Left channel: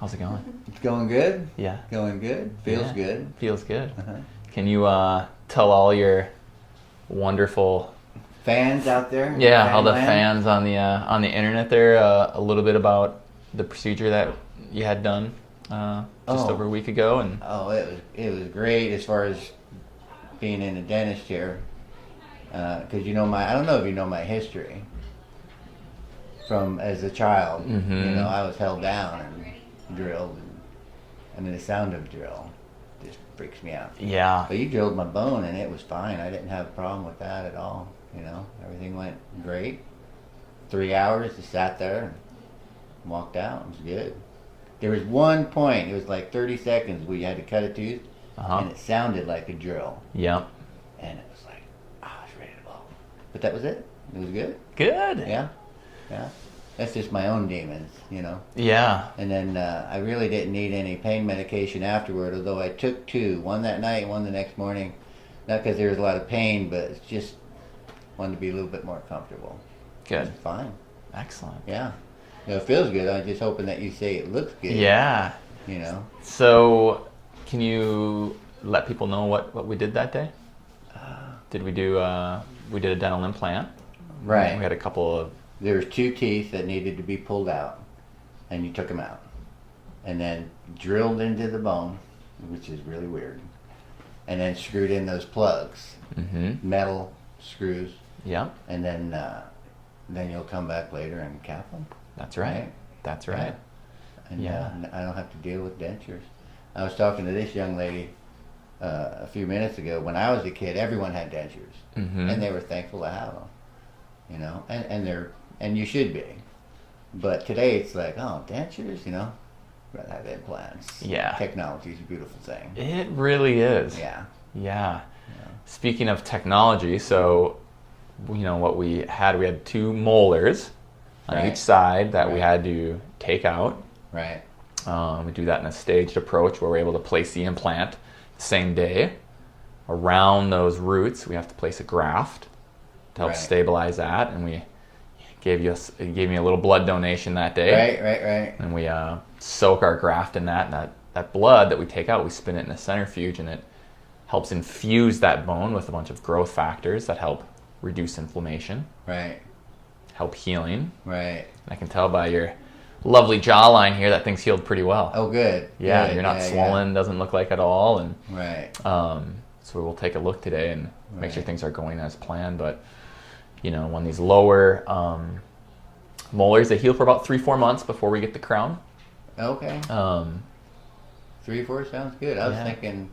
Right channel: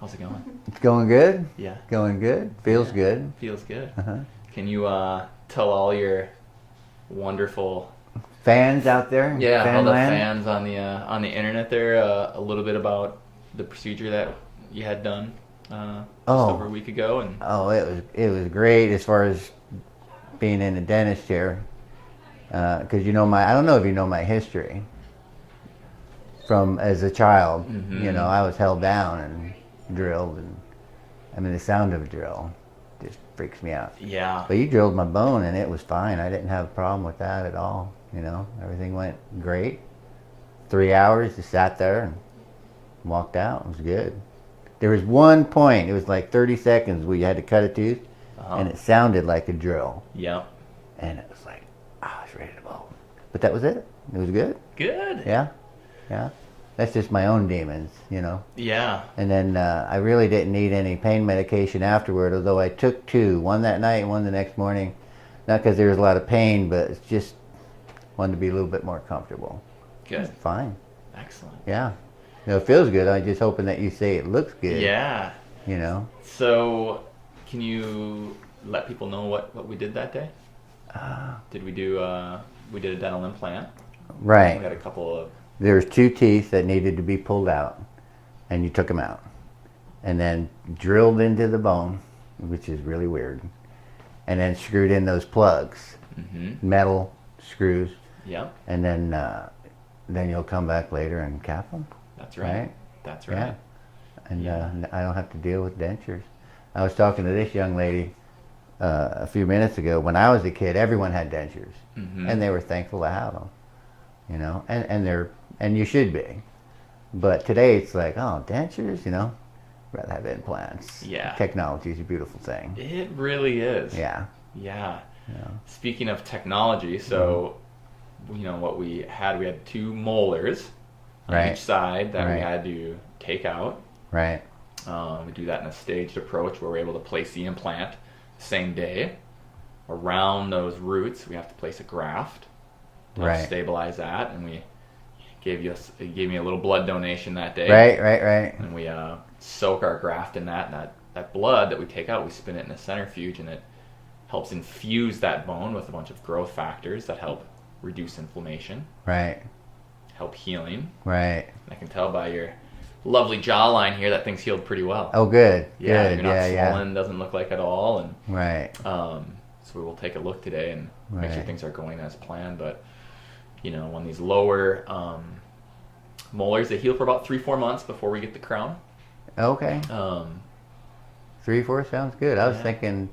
How's it going? It's going good. Yeah. Going good. Feels Yeah. good. Feels good. Uh-huh. Can you tell all your wonderful Fans out there? all the Fanland? fans on the internet there a little bit about the procedure that you had done just over a week ago? And Oh, it was great as far as being in a dentist chair. Because I don't know if you know my history. From as a child, I was held down and drilled, and I mean the sound of a drill just freaks me out. yeah, But you drilled my bone and it was fine. I didn't have a problem with that at all. Everything went great. 3 hours, just sat there and walked out. It was good. There was one point, it was like 30 seconds where you had to cut a tooth, and it sounded like a drill. yeah, And it was like, I was ready to blow. But that was it. It was good. good. Yeah. That's just my own demons, Yeah, And then I really didn't need any pain medication afterward, although I took two, one that night and one the next morning. Not because there was a lot of pain, but it's just wanted to be a little bit more comfortable. good, It's fine. excellent. Yeah. It feels good. I'm just hoping that you say it looks good. Yeah. So, can you let people know what we did that day? Did we do? We did a dental implant. Right. We had a couple of. There was two teeth that needed to be pulled out, and you took them out, and then drilled into the bone, which is really weird, and then screwed in those plugs, metal screws, Yeah. and then you'll come back later and cap them. That's right. That's right. Yeah. And Yeah. I don't have to deal with dentures. I was talking to this young lady a few minutes ago. When I was a kid, everyone had dentures, and they were thankful to have them. And you should be. But today it's like, oh, dentures, rather have implants. Yeah. Technology is a beautiful thing. It really is. Yeah. Yeah. Speaking of technology, so what we had two molars on Right. each side that we Right. had to take out. Right. We do that in a staged approach where we're able to place the implant the same day. Around those roots, we have to place a graft to help Right. stabilize that, and we gave me a little blood donation that day. Right. And we soak our graft in that, and that blood that we take out, we spin it in a centrifuge, and it helps infuse that bone with a bunch of growth factors that help reduce inflammation, Right. help healing. Right. I can tell by your lovely jawline here that things healed pretty well. Oh, good. Yeah, Good. you're not Yeah. swollen, doesn't look like at all, and Right. so we'll take a look today and make sure Right. things are going as planned. But when these lower molars, they heal for about 3-4 months before we get the crown. Okay. 3-4 sounds good. I was Yeah. thinking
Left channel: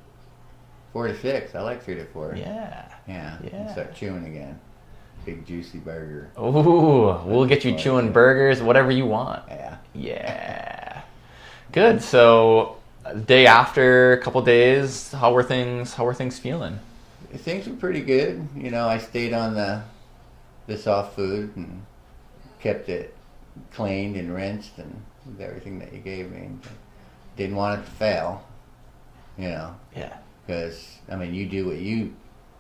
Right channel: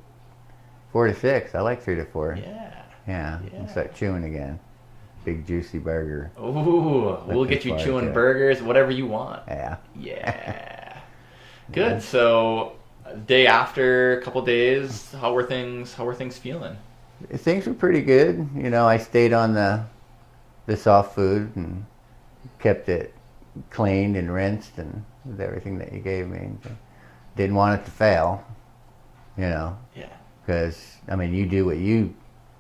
4-6. I like 3-4. Yeah. Yeah. Yeah. Start chewing again. Big juicy burger. Ooh, we'll get you Like chewing that. burgers, whatever you want. Yeah. Yeah. Good. So, day after, a couple days, how were things feeling? Things were pretty good. I stayed on the soft food and kept it cleaned and rinsed and with everything that you gave me. Didn't want it to fail. Yeah. Because you do what you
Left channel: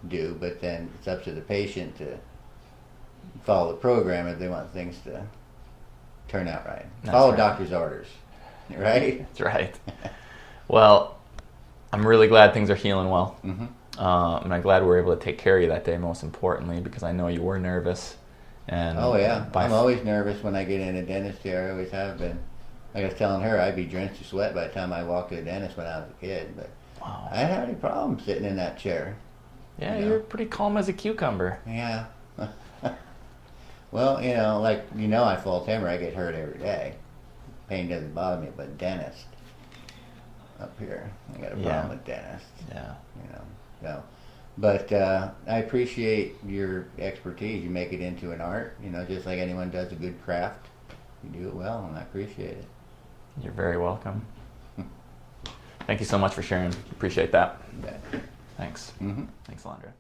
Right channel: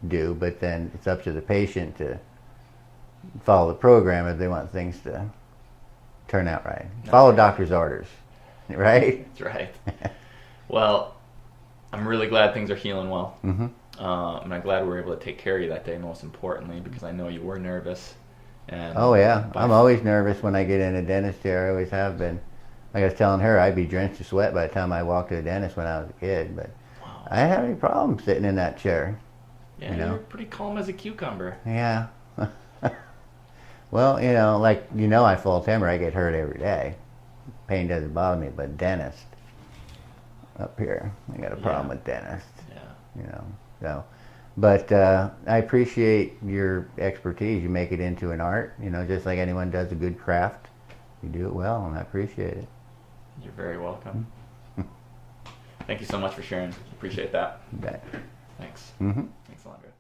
do, but then it's up to the patient to follow the program if they want things to turn out right. Follow doctor's orders, right? That's right. Well, I'm really glad things are healing well. Mm-hmm. And I'm glad we were able to take care of you that day, most importantly, because I know you were nervous. And Oh yeah, I'm always nervous when I get in a dentist chair. I always have been. Like I was telling her, I'd be drenched in sweat by the time I walked to the dentist when I was a kid. But Wow. I didn't have any problem sitting in that chair. Yeah, you know. you're pretty calm as a cucumber. Yeah. Well, I fall timber. I get hurt every day. Pain doesn't bother me, but dentist up here, I got a problem with dentist. Yeah. So, but I appreciate your expertise. You make it into an art. Just like anyone does a good craft, you do it well, and I appreciate it. You're very welcome. Thank you so much for sharing. Appreciate that. You bet. Thanks. Mm-hmm. Thanks, Alondra.